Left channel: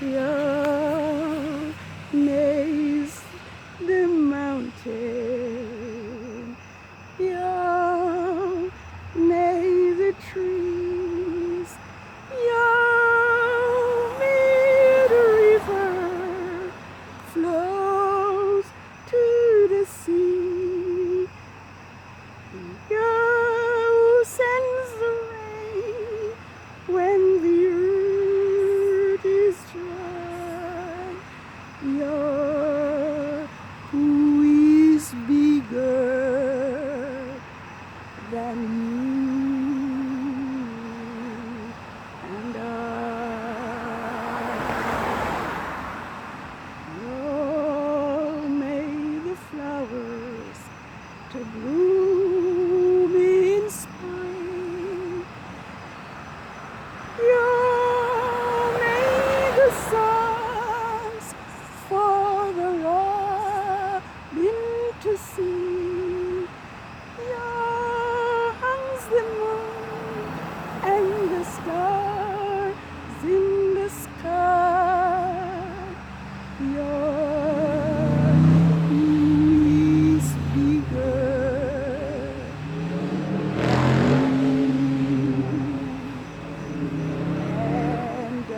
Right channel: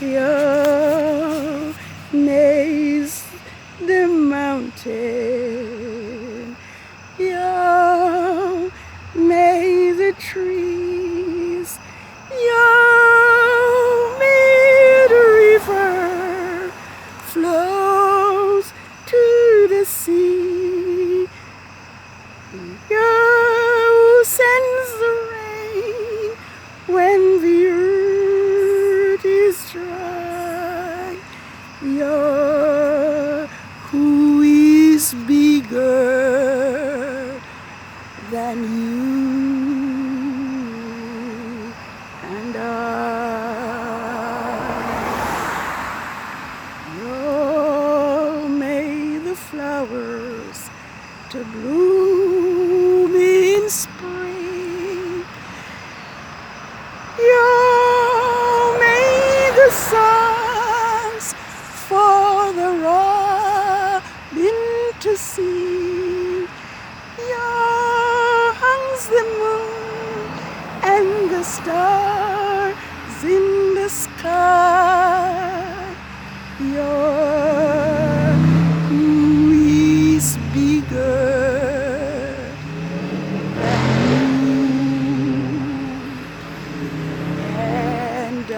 Yah makes the mountain. Yah made the trees. Yah made a river flows to the sea. Yah sends the rain when the earth is dry. Yah, who is bigger than you and I? Yah made the flowers to bloom in spring. Yah made the songs for the robin to sing. Yah hangs the moon and the stars in the sky. Yah, who is bigger and I?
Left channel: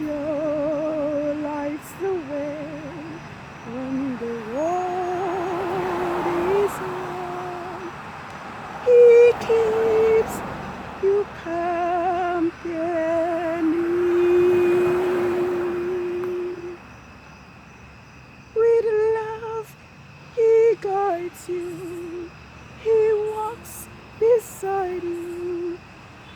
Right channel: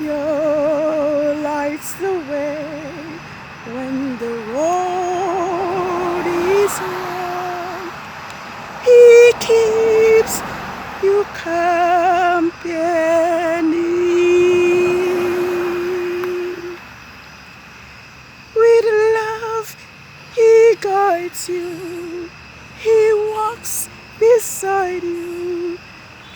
Yah lights the way when the road is long. He keeps you company. With love, he guides you. He walks beside you,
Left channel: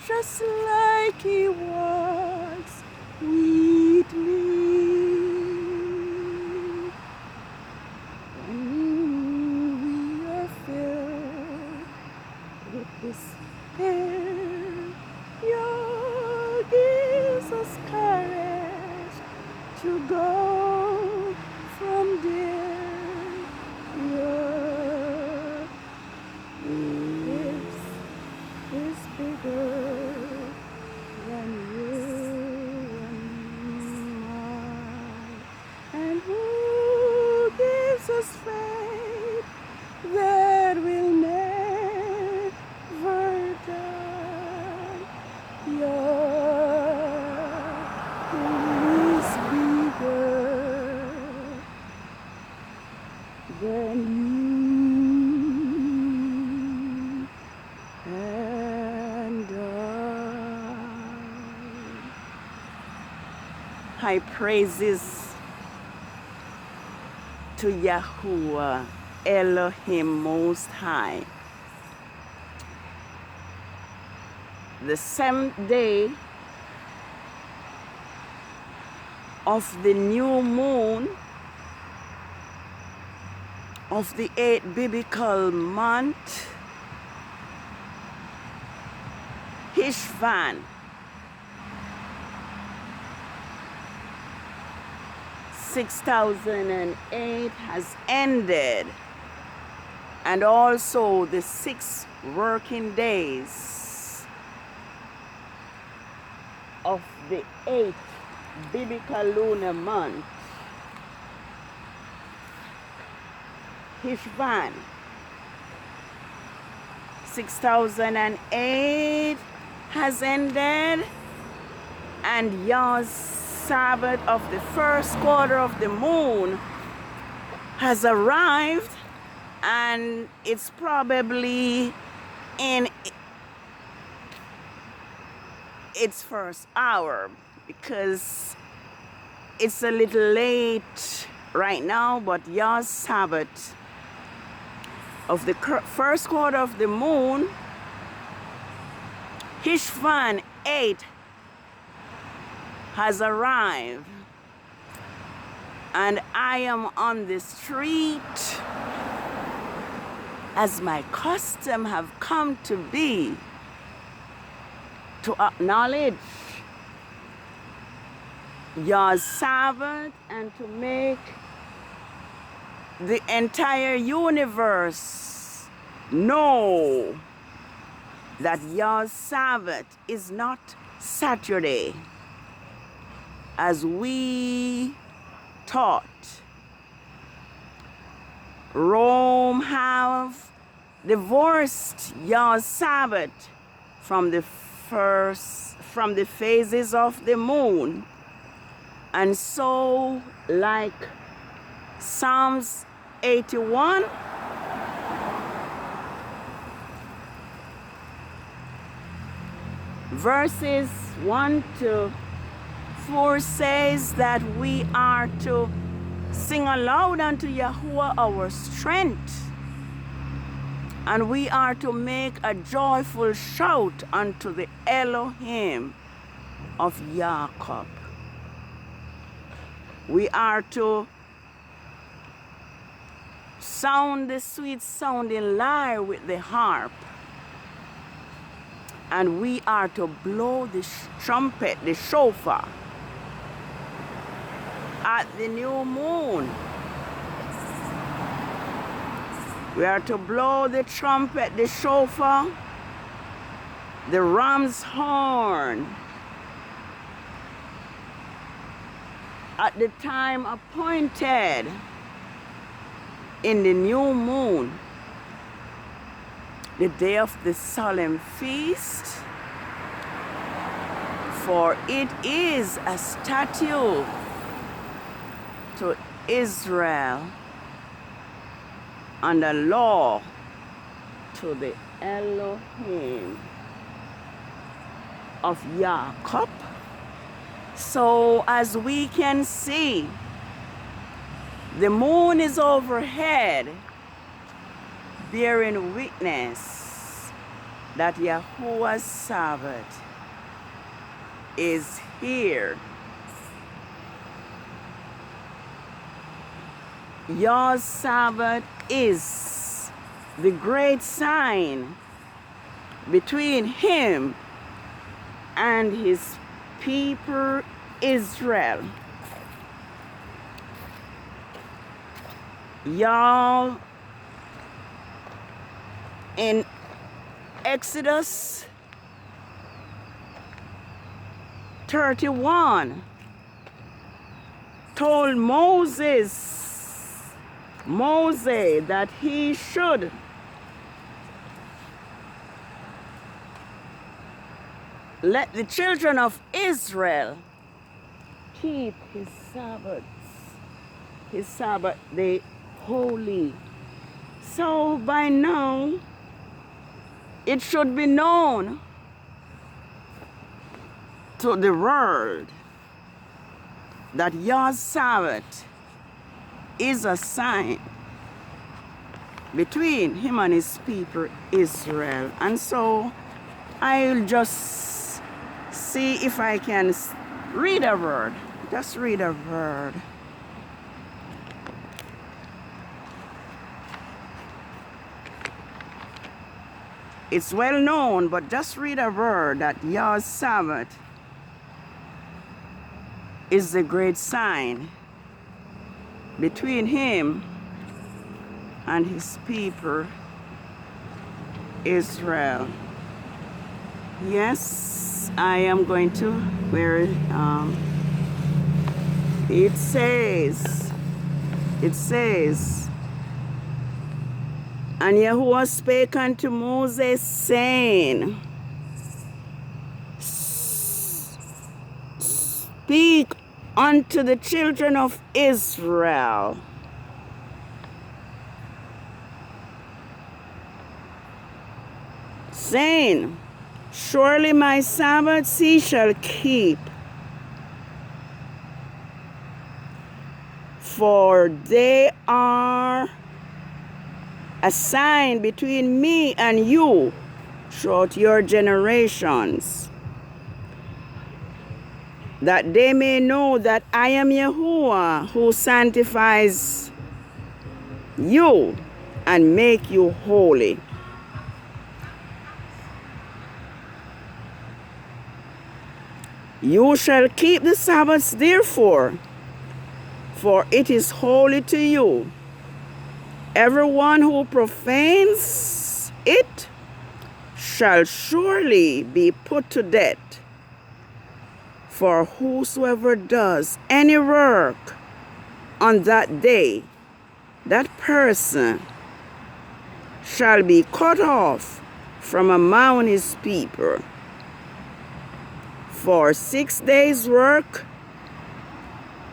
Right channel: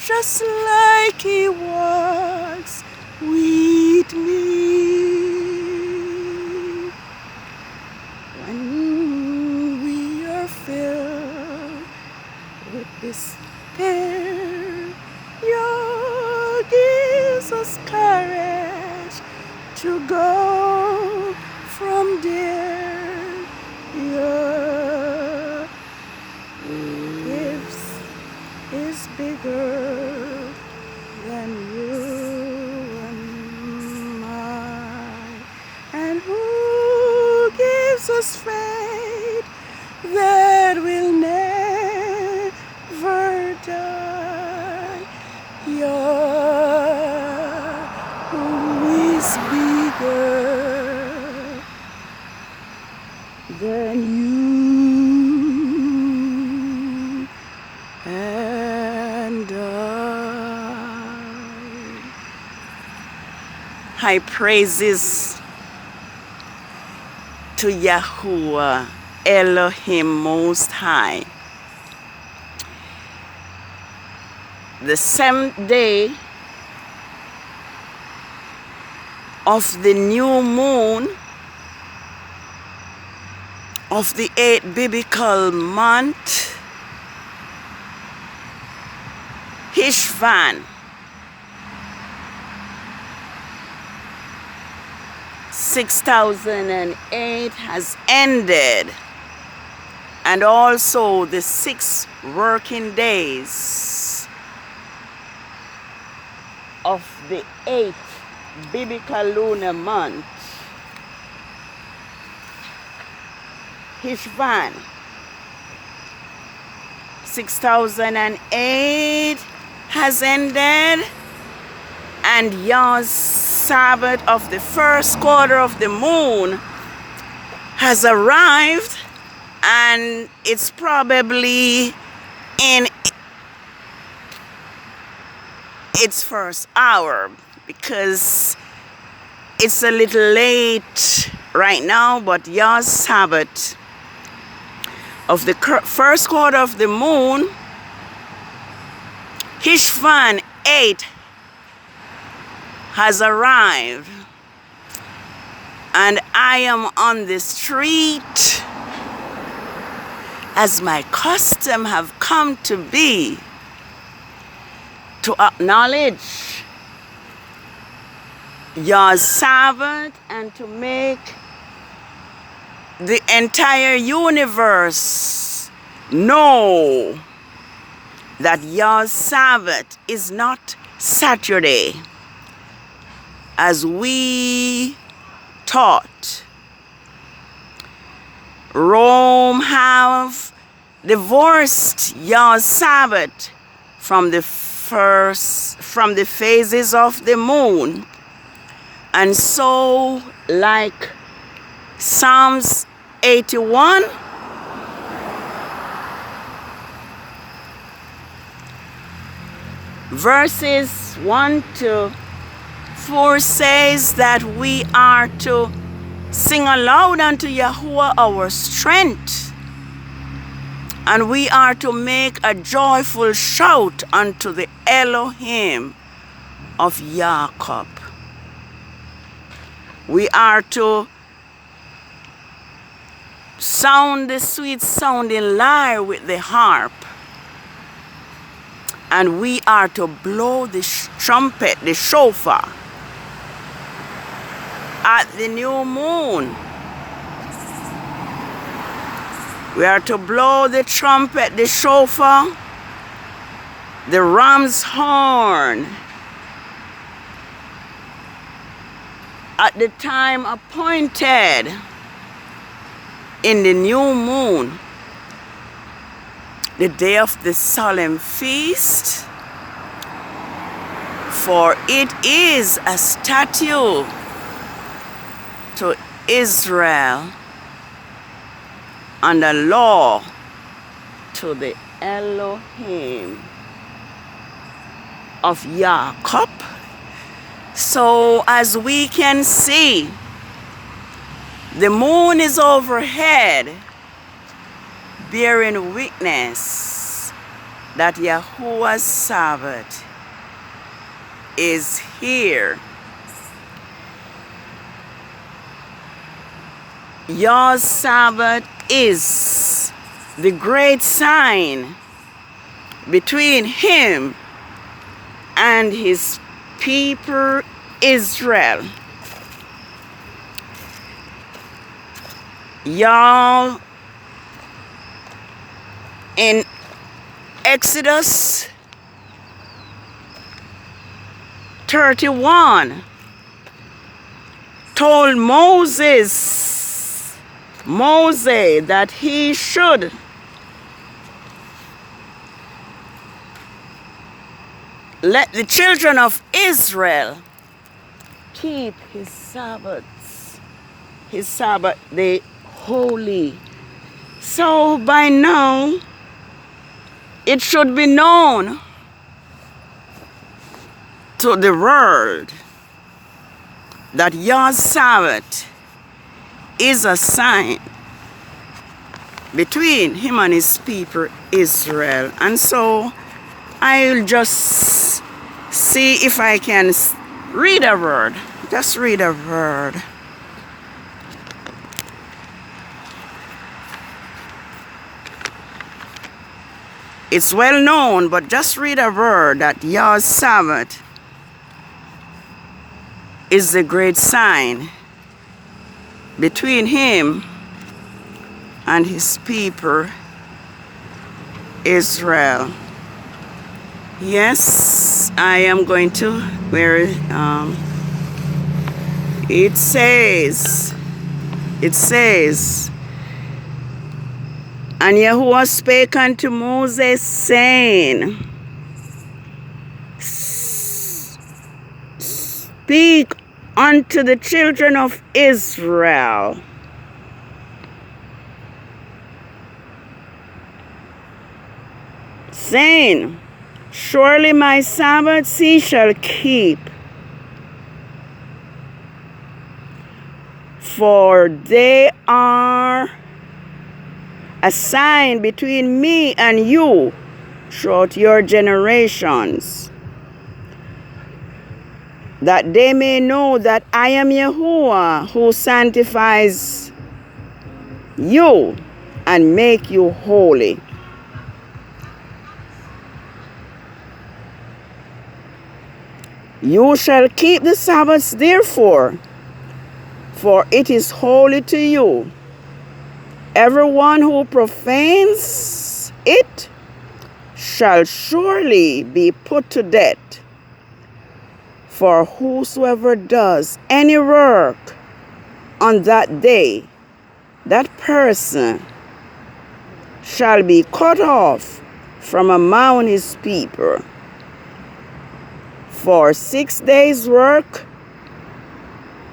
just like he walks with me. When we are filled with despair, Yah gives us courage to go from there. Yah is bigger than you and I, and who gives us faith that will never die. Yah, who is bigger than you and I. High praises to Yahuwah Elohim Most High. The 7th day of the new moon of the 8th biblical month, HESHVAN, 6008 has ended, and also the 6 working days of the 8th biblical lunar month, HESHVAN, 6008 has ended, and Yah's Sabbath of the first quarter of the moon has arrived, and it's probably in its first hour because it's a little late right now, but Yah's Sabbath of the first quarter of the moon, HESHVAN 8, has arrived, and I am on the street as my custom have come to be, to acknowledge Yah's Sabbath and to make the entire universe know that Yah's Sabbath is not Saturday, as we taught. Rome have divorced Yah's Sabbath from the phases of the moon. And so, like Psalms 81, verses 1 to 4 says that we are to sing aloud unto Yahuwah our strength, and we are to make a joyful shout unto the Elohim of Jacob. We are to sound the sweet sounding lyre with the harp, and we are to blow the trumpet, the shofar, at the new moon. We are to blow the trumpet, the shofar, the ram's horn at the time appointed in the new moon, the day of the solemn feast, for it is a statute to Israel and a law to the Elohim of Jacob. So as we can see, the moon is overhead, bearing witness that Yahuwah's Sabbath is here. Yah's Sabbath is the great sign between him and his people Israel. Y'all, in Exodus 31 told Moses that he should let the children of Israel keep his Sabbath day holy. So by now, it should be known to the world that Yah's Sabbath is a sign between him and his people Israel. And so I'll just see if I can read a word. Just read a word. It's well known, but just read a word that Yah's Sabbath is the great sign between him and his people Israel. Yes, I am going to where it says, and Yahuwah spake unto Moses, saying, speak unto the children of Israel, saying, surely my Sabbaths ye shall keep, for they are a sign between me and you throughout your generations, that they may know that I am Yahuwah, who sanctifies you and make you holy. You shall keep the Sabbaths therefore, for it is holy to you. Everyone who profanes it shall surely be put to death. For whosoever does any work on that day, that person shall be cut off from among his people. For 6 days' work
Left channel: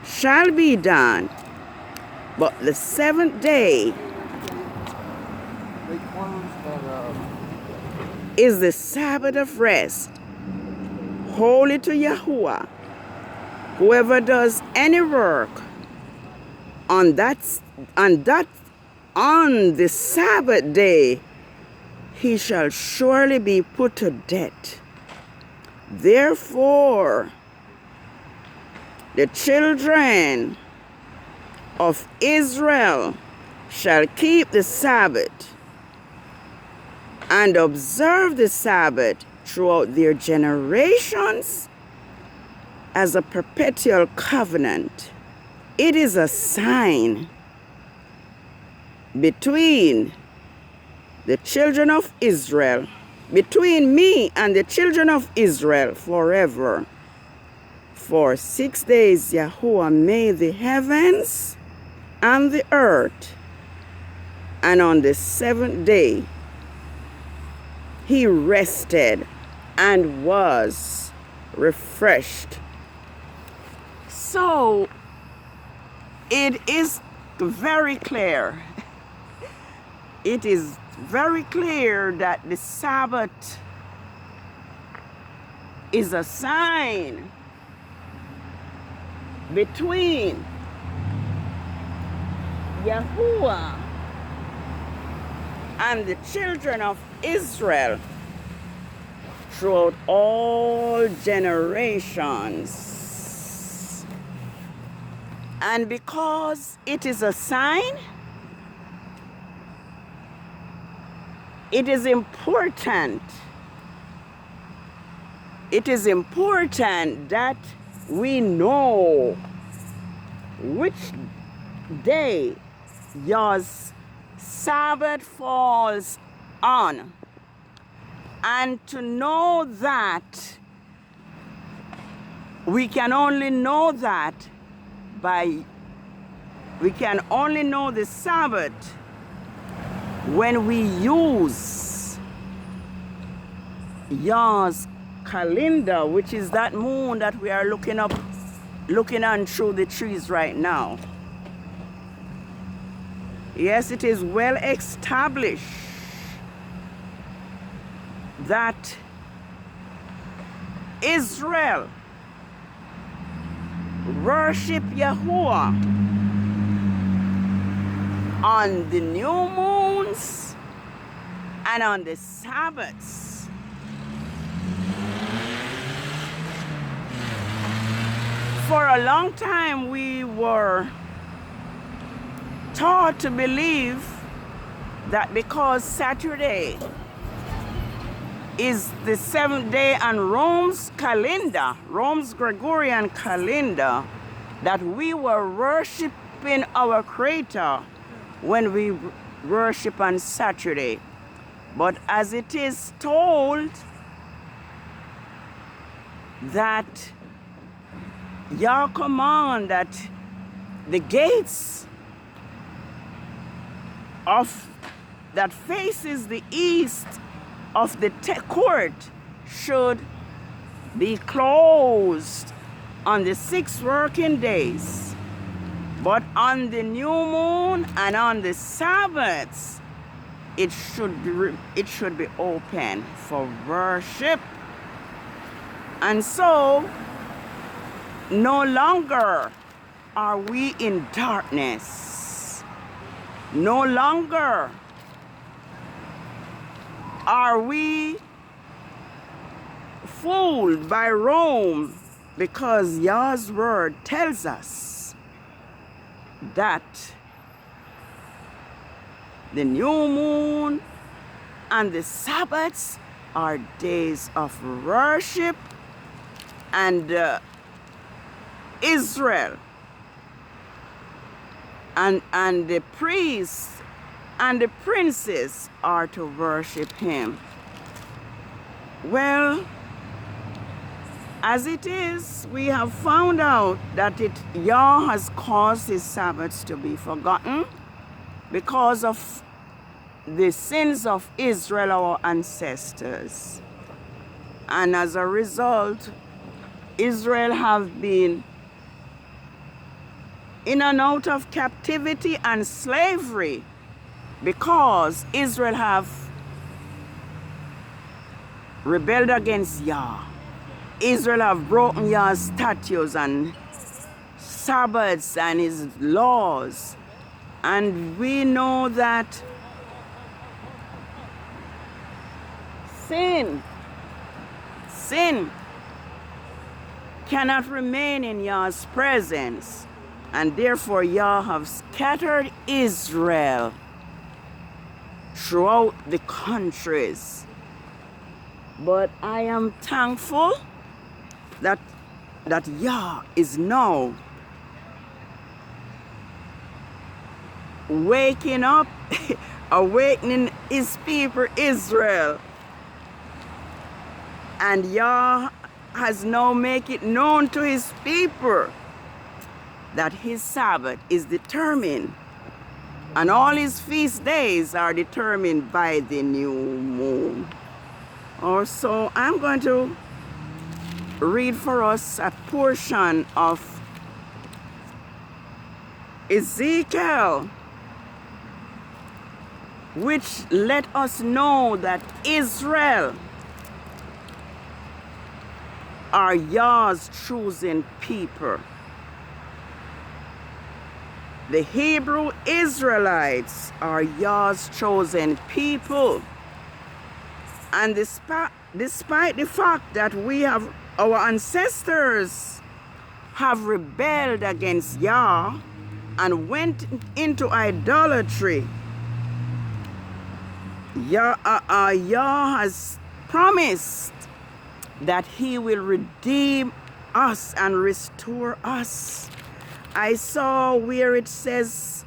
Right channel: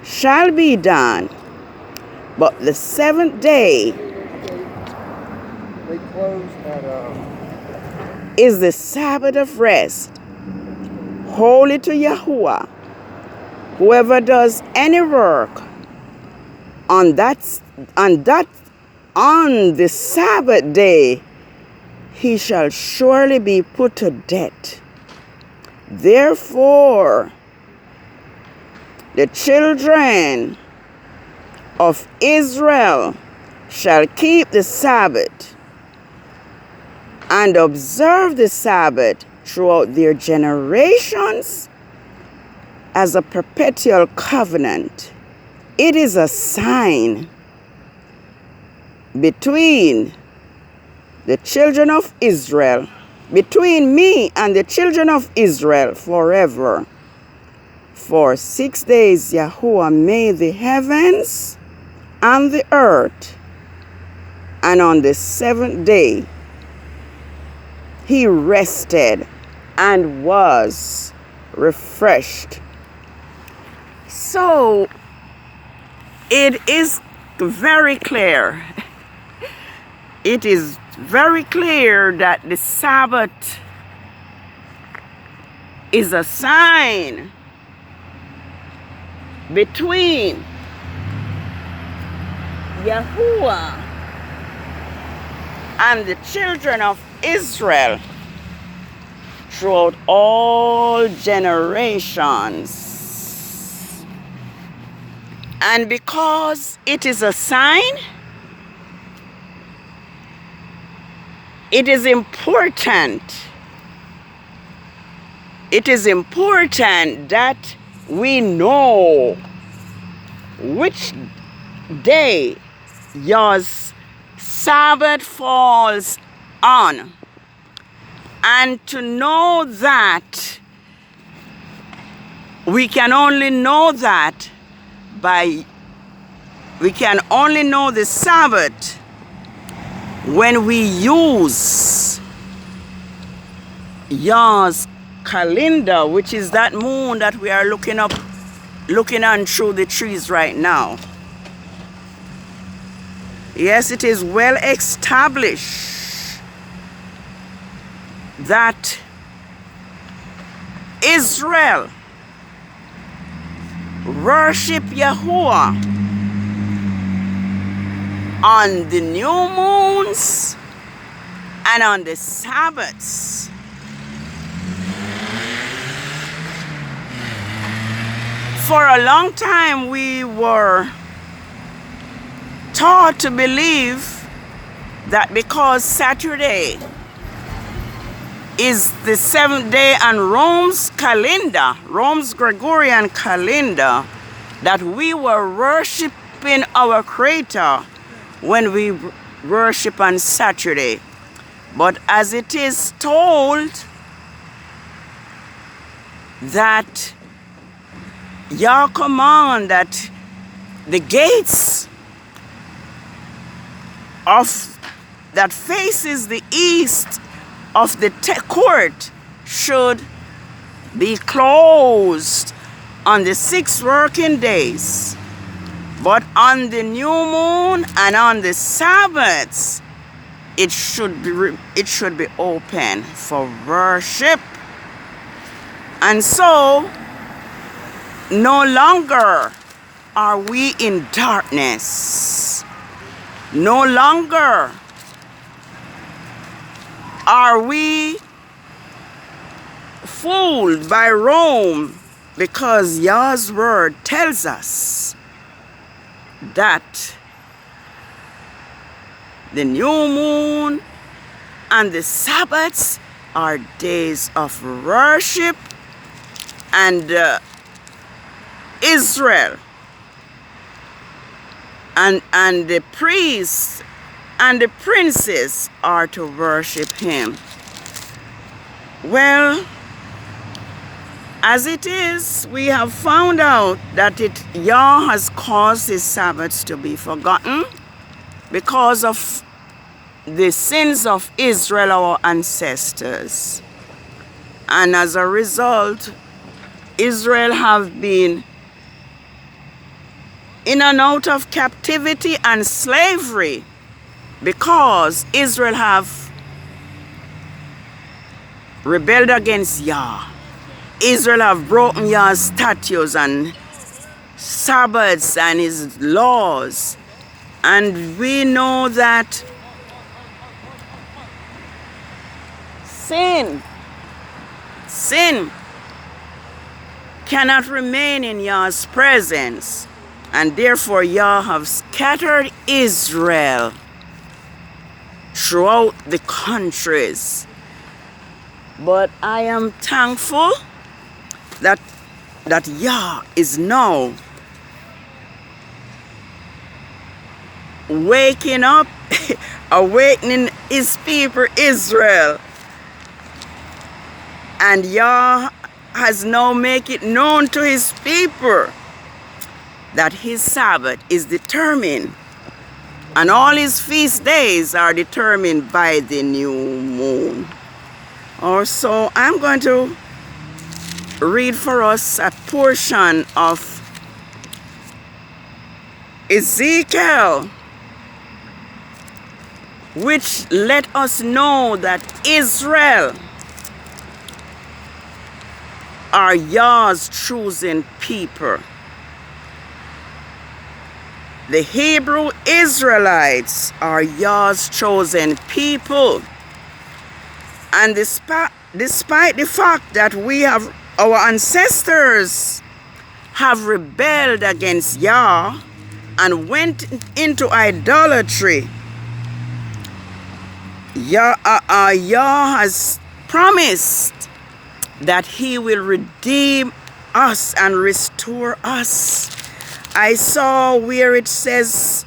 shall be done, but the seventh day They close at is the Sabbath of rest, holy to Yahuwah. Whoever does any work on the Sabbath day, he shall surely be put to death. Therefore, the children of Israel shall keep the Sabbath and observe the Sabbath throughout their generations as a perpetual covenant. It is a sign between the children of Israel, between me and the children of Israel forever. For 6 days Yahuwah made the heavens and the earth, and on the seventh day he rested and was refreshed. So it is very clear. It is very clear that the Sabbath is a sign between Yahuwah and the children of Israel throughout all generations. And because it is a sign, it is important. It is important that we know which day Yah's Sabbath falls on. And to know that, we can only know that we can only know the Sabbath when we use Yah's calendar, which is that moon that we are looking on through the trees right now. Yes, it is well established that Israel worship Yahuwah on the new moons and on the Sabbaths. For a long time we were taught to believe that because Saturday is the seventh day on Rome's calendar, Rome's Gregorian calendar, that we were worshiping our Creator when we worship on Saturday. But as it is told that Yah command that the gates of that faces the east of the court should be closed on the 6 working days, but on the new moon and on the Sabbaths it should be open for worship. And so no longer are we in darkness. No longer are we fooled by Rome, because Yah's word tells us that the new moon and the Sabbaths are days of worship, and Israel and the priests and the princes are to worship him. Well, as it is, we have found out that Yah has caused his Sabbaths to be forgotten because of the sins of Israel, our ancestors. And as a result, Israel have been in and out of captivity and slavery because Israel have rebelled against Yah. Israel have broken Yah's statutes and Sabbaths and his laws. And we know that sin cannot remain in Yah's presence. And therefore Yah have scattered Israel throughout the countries. But I am thankful that Yah is now waking up, awakening his people Israel. And Yah has now made it known to his people that his Sabbath is determined, and all his feast days are determined by the new moon. Also, I'm going to read for us a portion of Ezekiel, which let us know that Israel are Yah's chosen people. The Hebrew Israelites are Yah's chosen people. And despite the fact that our ancestors have rebelled against Yah and went into idolatry, Yah has promised that he will redeem us and restore us. I saw where it says,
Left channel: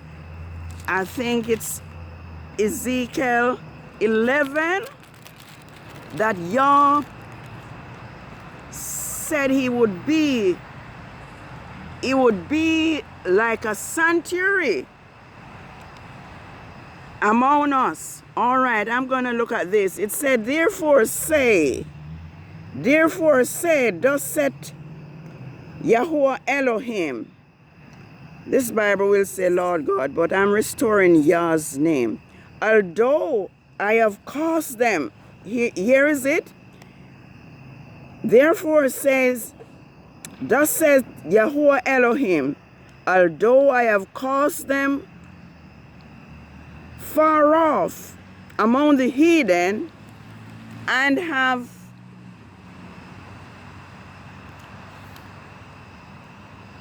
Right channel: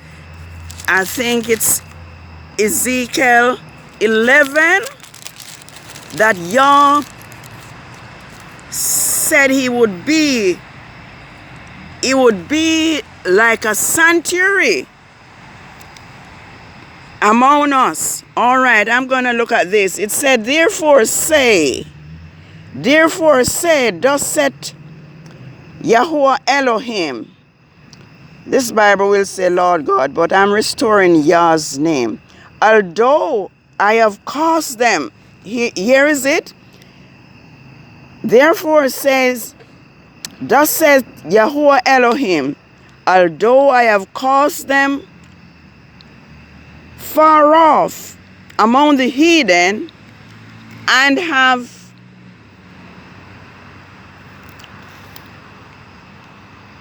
I think it's Ezekiel 11, that Yah said he would be like a sanctuary among us. All right, I'm going to look at this. It said, therefore say, thus said Yahuwah Elohim. This Bible will say Lord God, but I'm restoring Yah's name. Although I have caused them, here is it. Therefore says, thus says Yahuwah Elohim, although I have caused them far off among the heathen,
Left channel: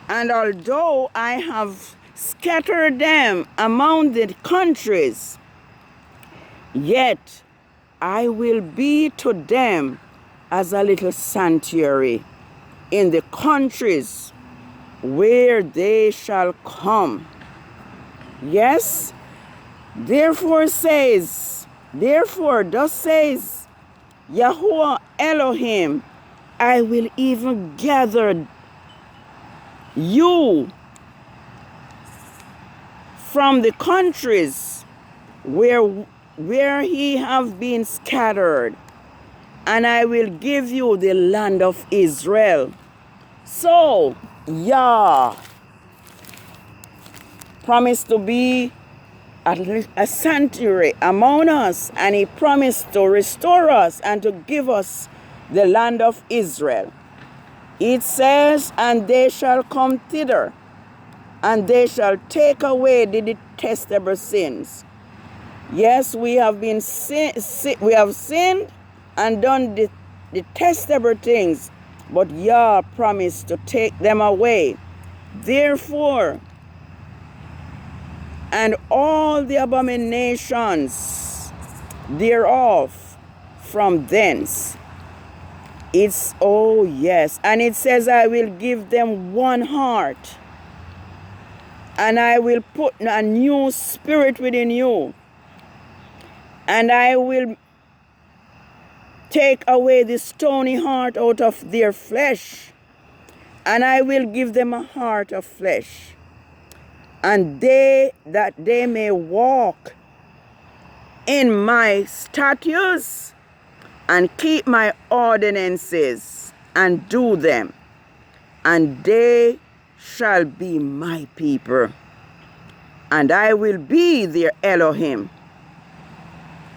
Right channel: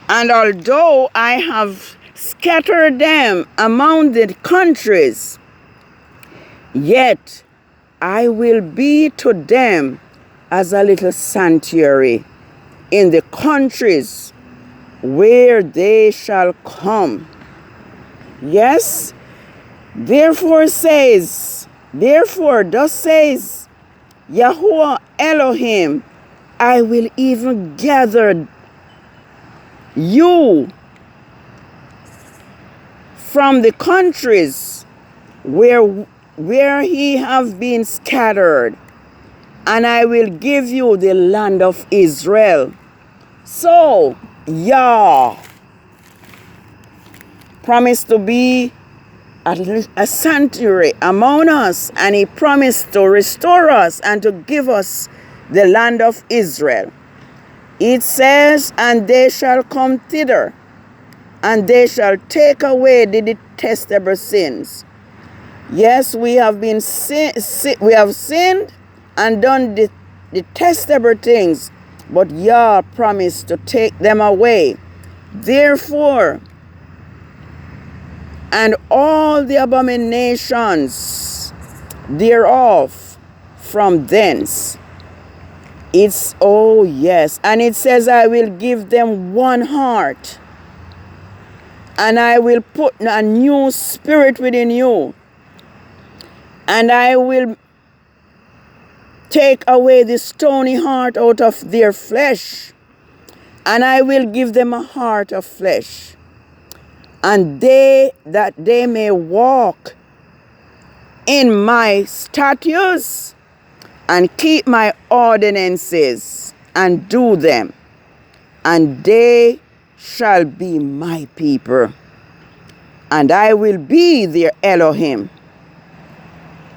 and although I have scattered them among the countries, yet I will be to them as a little sanctuary in the countries where they shall come. Yes, therefore thus says Yahuwah Elohim, I will even gather you from the countries where he have been scattered, and I will give you the land of Israel. So Yah promised to be a sanctuary among us, and he promised to restore us and to give us the land of Israel. It says, and they shall come thither, and they shall take away the detestable sins. Yes, we have sinned and done the detestable things, but Yah promised to take them away. Therefore, and all the abominations thereof from thence. And it says, I will give them one heart, and I will put a new spirit within you, and I will take away the stony heart out of their flesh, and I will give them a heart of flesh, and that they may walk in my statutes and keep my ordinances and do them, and they shall be my people, and I will be their Elohim.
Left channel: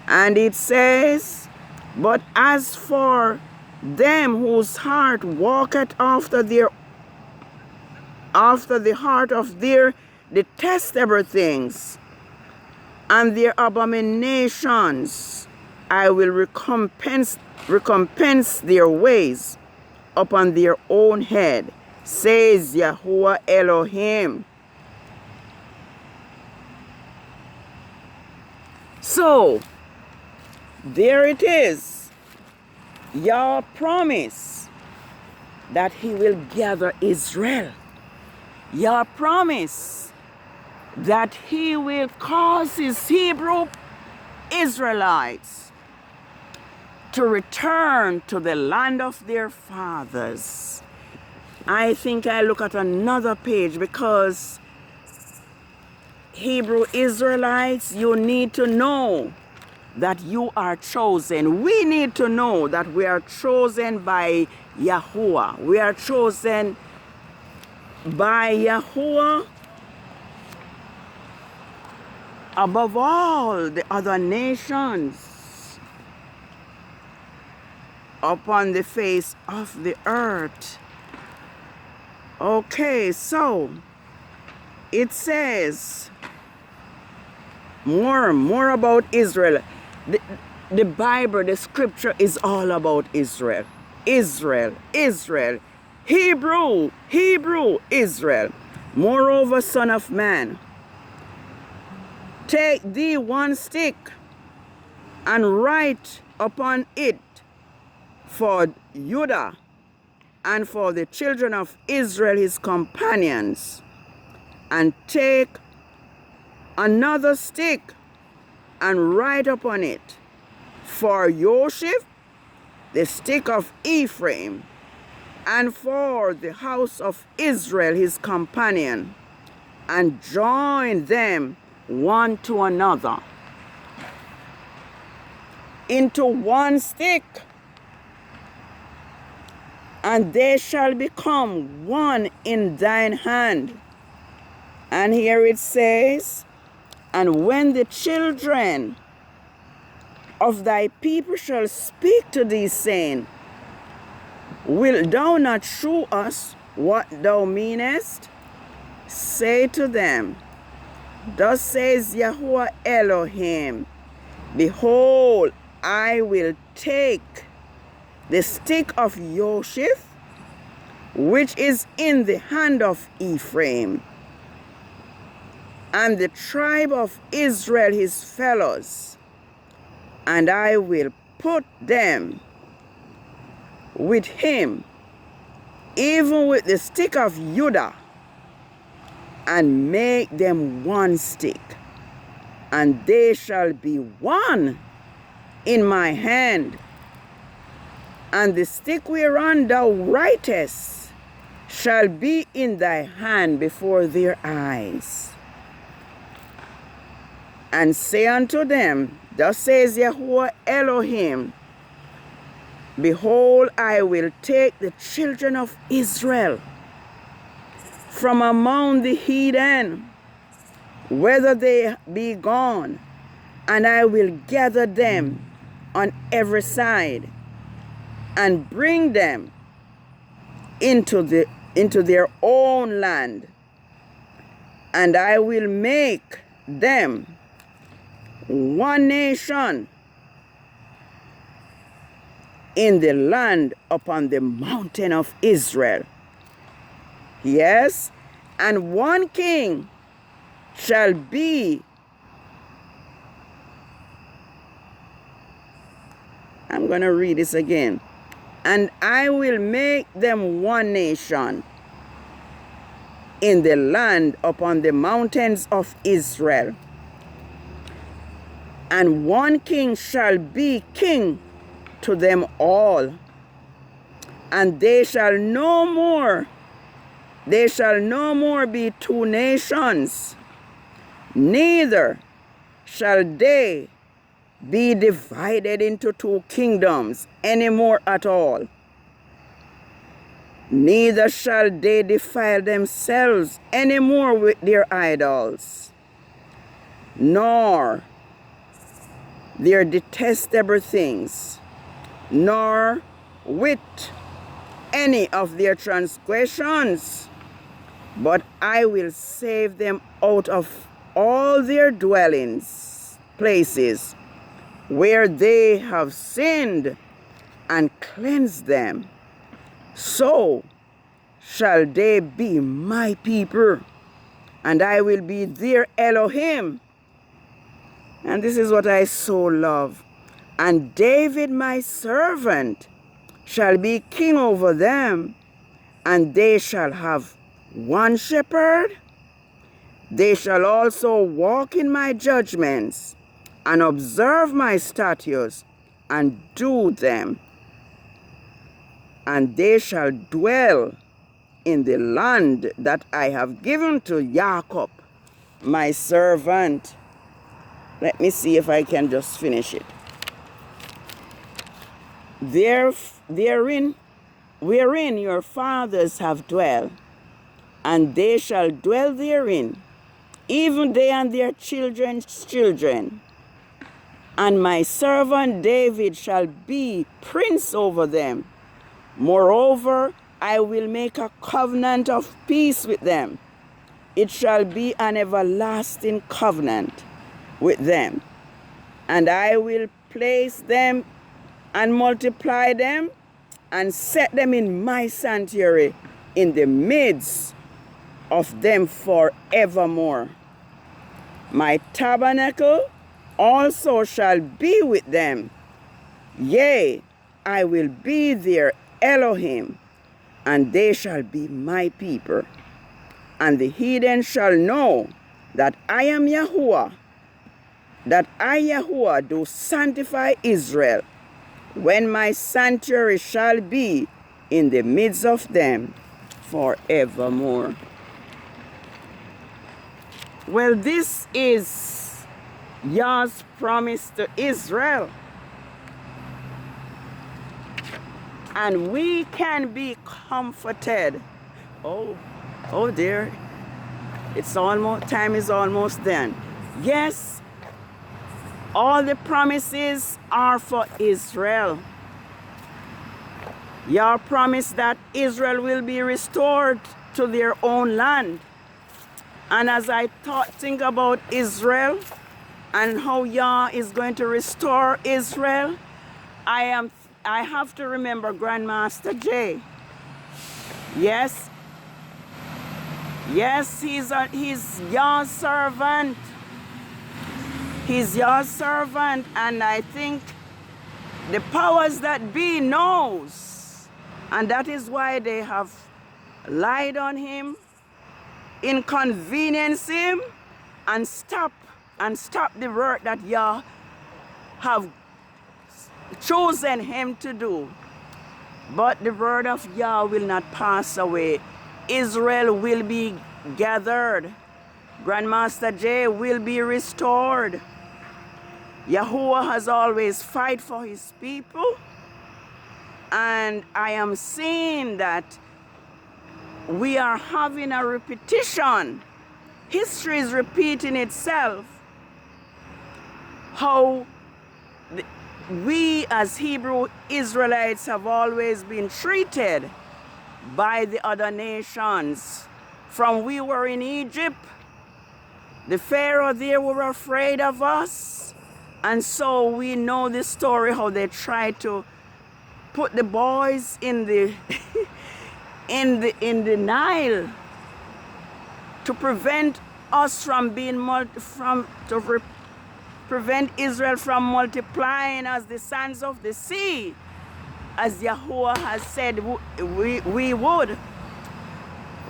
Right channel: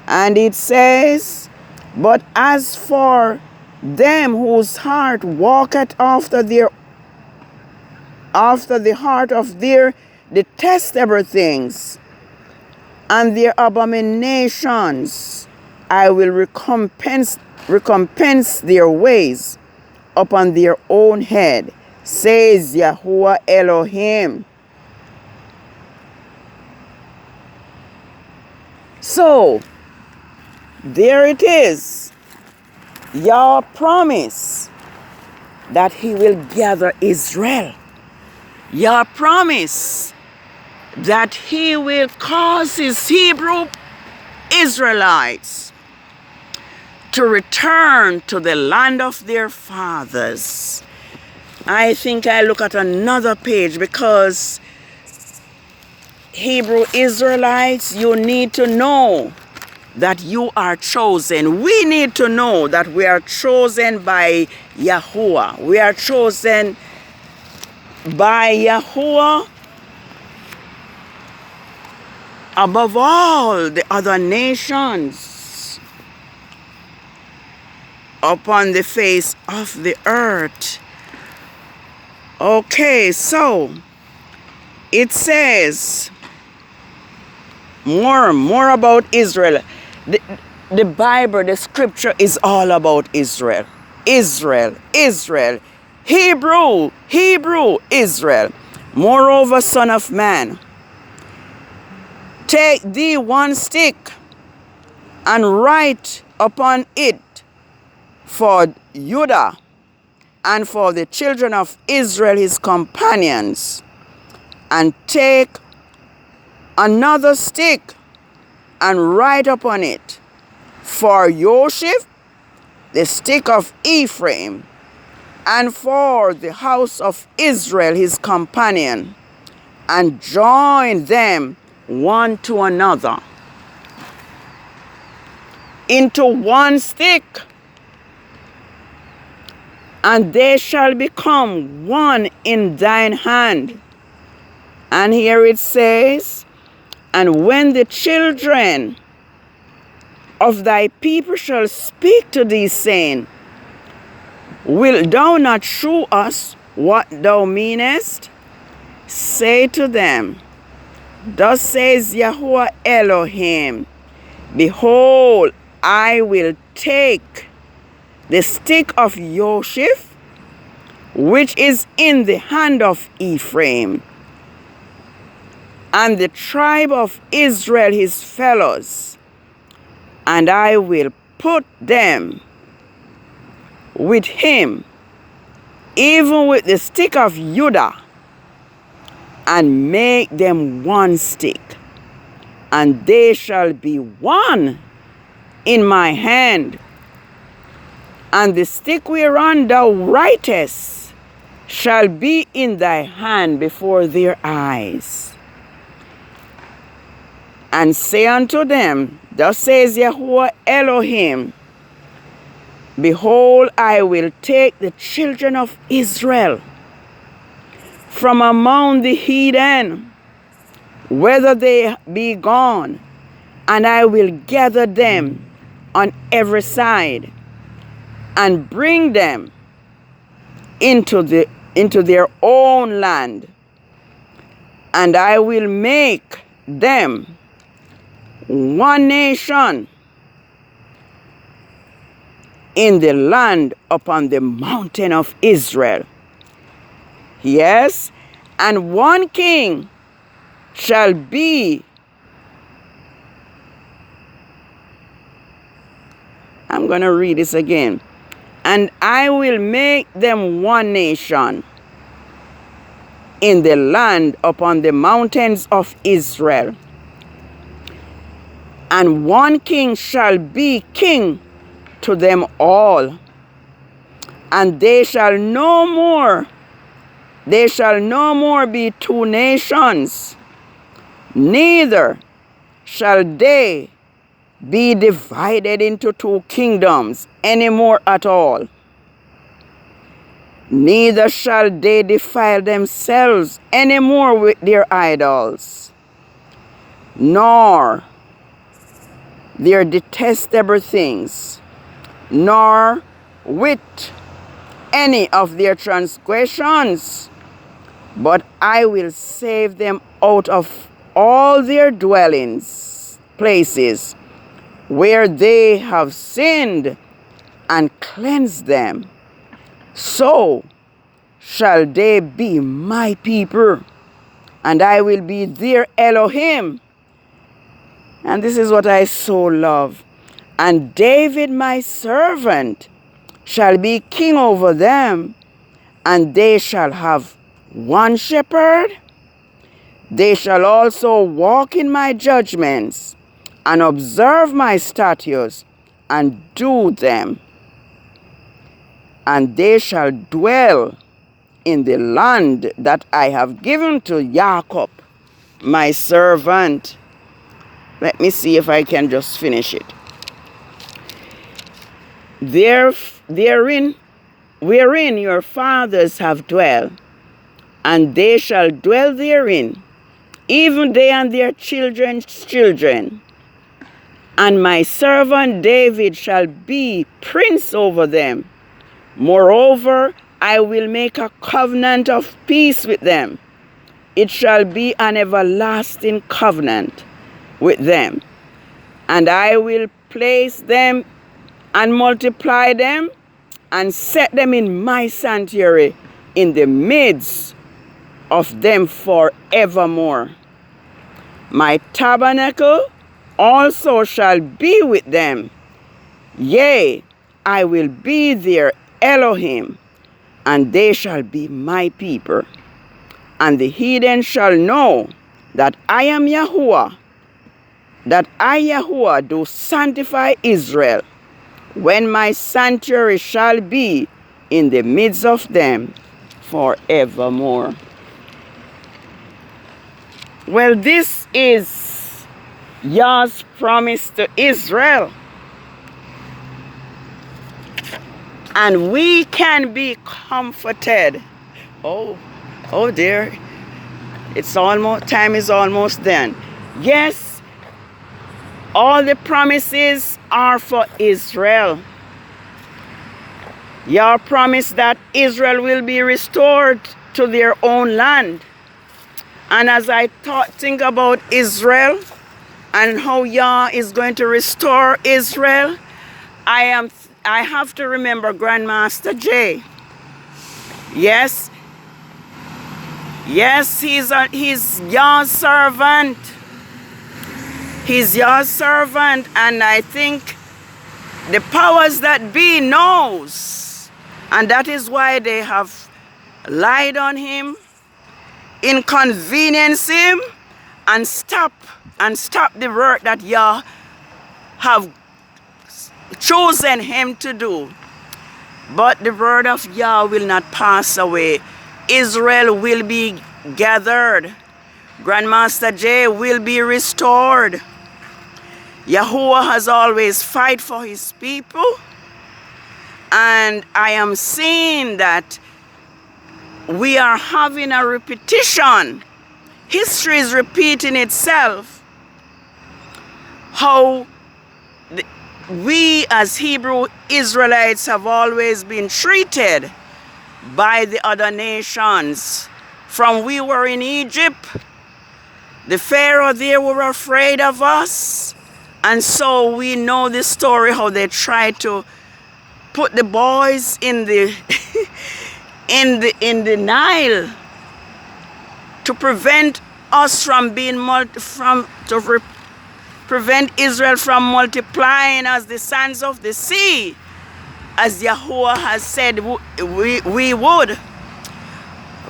And it says, but as for them whose heart walketh after the heart of their detestable things and their abominations, I will recompense their ways upon their own head, says Yahuwah Elohim. So, there it is. Yah promise that he will gather Israel. Yah promise that he will cause his Hebrew Israelites to return to the land of their fathers. I think I look at another page, because Hebrew Israelites, you need to know that you are chosen. We need to know that we are chosen by Yahuwah. We are chosen by Yahuwah above all the other nations upon the face of the earth. Okay, so it says more about Israel. The Bible, the scripture is all about Israel. Israel, Israel. Hebrew, Hebrew, Israel. Moreover, son of man, take thee one stick and write upon it for Judah and for the children of Israel his companions, and take another stick and write upon it for Yoshif, the stick of Ephraim, and for the house of Israel his companion, and join them one to another into one stick, and they shall become one in thine hand. And here it says, and when the children of thy people shall speak to thee, saying, wilt thou not shew us what thou meanest? Say to them, thus says Yahuwah Elohim, behold, I will take the stick of Yoshif, which is in the hand of Ephraim, and the tribe of Israel his fellows, and I will put them with him, even with the stick of Judah, and make them one stick, and they shall be one in my hand, and the stick whereon thou writest shall be in thy hand before their eyes. And say unto them, thus says Yahuwah Elohim, behold, I will take the children of Israel from among the heathen, whether they be gone, and I will gather them on every side, and bring them into their own land, and I will make them one nation in the land upon the mountain of Israel. Yes, and one king shall be, I'm going to read this again. And I will make them one nation in the land upon the mountains of Israel. And one king shall be king to them all. And they shall no more be two nations, neither shall they be divided into two kingdoms anymore at all. Neither shall they defile themselves anymore with their idols, nor their detestable things, nor with any of their transgressions, but I will save them out of all their dwellings places where they have sinned, and cleanse them. So shall they be my people, and I will be their Elohim. And this is what I so love. And David my servant shall be king over them, and they shall have one shepherd. They shall also walk in my judgments, and observe my statutes, and do them. And they shall dwell in the land that I have given to Jacob, my servant. Let me see if I can just finish it. Wherein your fathers have dwelt, and they shall dwell therein, even they and their children's children. And my servant David shall be prince over them. Moreover, I will make a covenant of peace with them. It shall be an everlasting covenant with them. And I will place them and multiply them, and set them in my sanctuary in the midst of them forevermore. My tabernacle also shall be with them. Yea, I will be their Elohim, and they shall be my people. And the heathen shall know that I am Yahuwah, that I, Yahuwah, do sanctify Israel, when my sanctuary shall be in the midst of them forevermore. Well, this is Yah's promise to Israel. And we can be comforted. Oh dear. Time is almost done. Yes, all the promises are for Israel. Yah promised that Israel will be restored to their own land. And as I think about Israel and how Yah is going to restore Israel, I have to remember Grandmaster Jay. Yes, he's Yah's servant. He's Yah's servant, and I think the powers that be knows, and that is why they have lied on him, inconvenience him, and stop the work that Yah have chosen him to do. But the word of Yah will not pass away. Israel will be gathered. Grandmaster Jay will be restored. Yahuwah has always fight for his people, and I am seeing that we are having a repetition. History is repeating itself. How we as Hebrew Israelites have always been treated by the other nations. From we were in Egypt, the Pharaoh there were afraid of us. And so we know the story how they tried to put the boys in the in the Nile to prevent us from being prevent Israel from multiplying as the sands of the sea, as Yahuwah has said we would.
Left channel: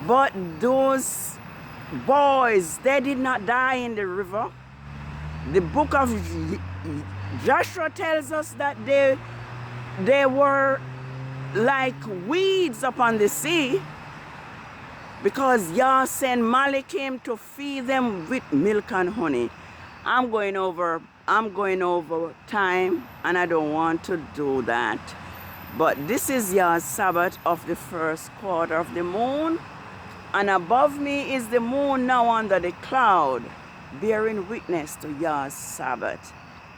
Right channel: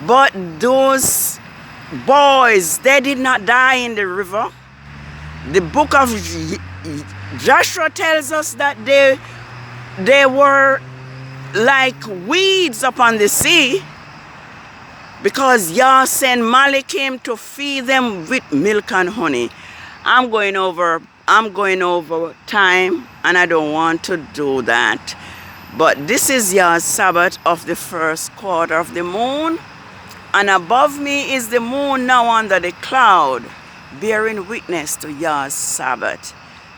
But those boys, they did not die in the river. The book of Joshua tells us that they they were like weeds upon the sea, because Yah sent Malachim to feed them with milk and honey. I'm going over time, and I don't want to do that. But this is Yah's Sabbath of the first quarter of the moon. And above me is the moon now under the cloud, bearing witness to Yah's Sabbath.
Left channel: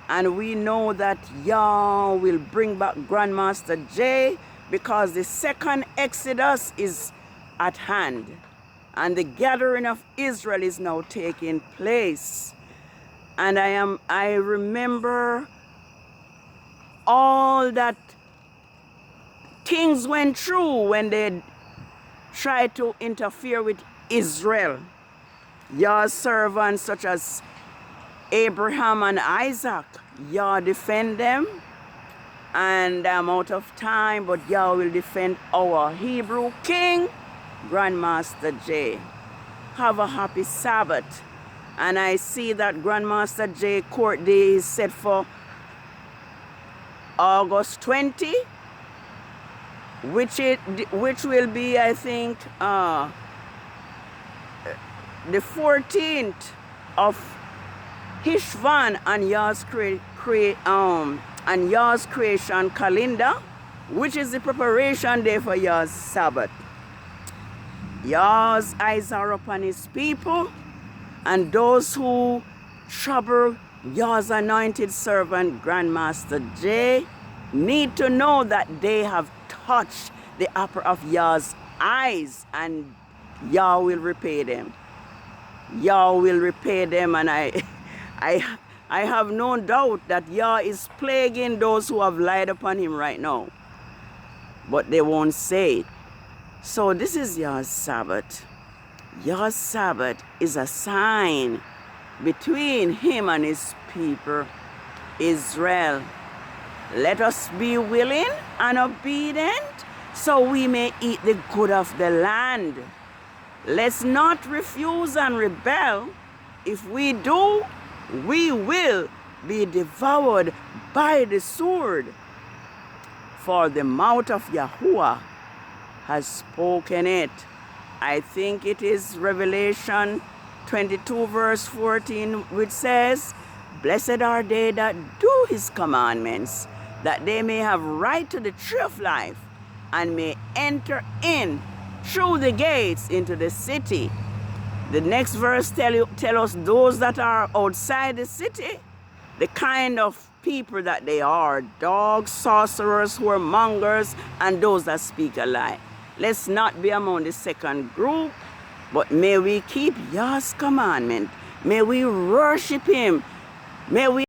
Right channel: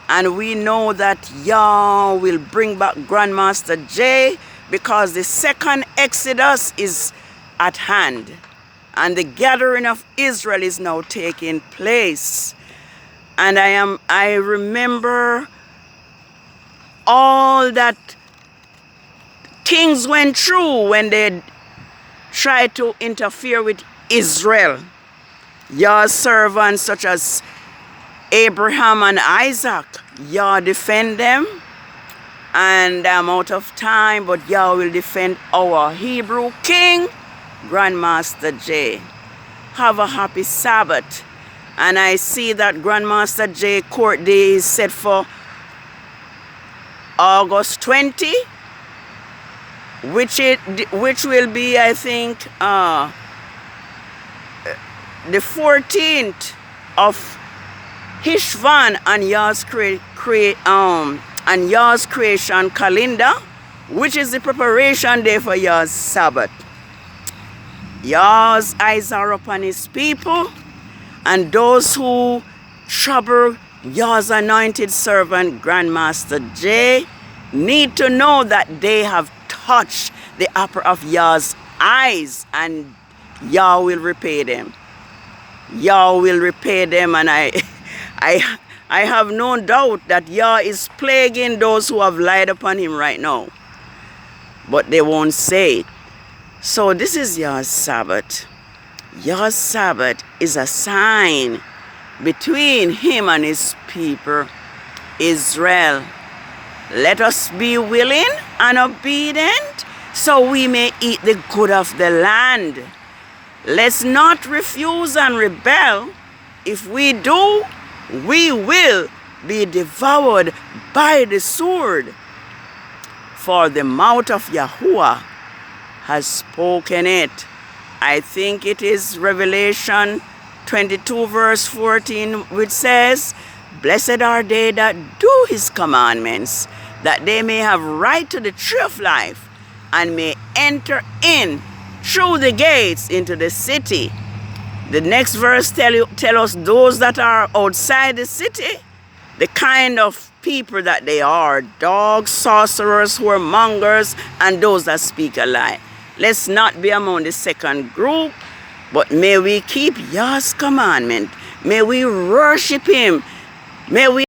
And we know that Yah will bring back Grandmaster J, because the second Exodus is at hand. And the gathering of Israel is now taking place. And I remember all that kings went through when they tried to interfere with Israel. Yah's servants such as Abraham and Isaac, Yah defend them. And I'm out of time, but Yah will defend our Hebrew king, Grandmaster J. Have a happy Sabbath. And I see that Grandmaster J court day is set for August 20, which will be, I think, the 14th of HESHVAN and Yah's creation calendar, which is the preparation day for Yah's Sabbath. Yah's eyes are upon his people, and those who trouble Yah's anointed servant, Grandmaster J, need to know that they have touched the apple of Yah's eyes, and Yah will repay them. Yah will repay them, and I have no doubt that Yah is plaguing those who have lied upon him right now. But they won't say it. So this is Yah's Sabbath. Yah's Sabbath is a sign between him and his people, Israel. Let us be willing and obedient so we may eat the good of the land. Let's not refuse and rebel. If we do, we will be devoured by the sword. For the mouth of Yahuwah has spoken it. I think it is Revelation 22 verse 14, which says, "Blessed are they that do his commandments, that they may have right to the tree of life, and may enter in through the gates into the city." The next verse tell us those that are outside the city, the kind of people that they are: dogs, sorcerers, whoremongers, and those that speak a lie. Let's not be among the second group, but may we keep Yah's commandment. May we worship him. May we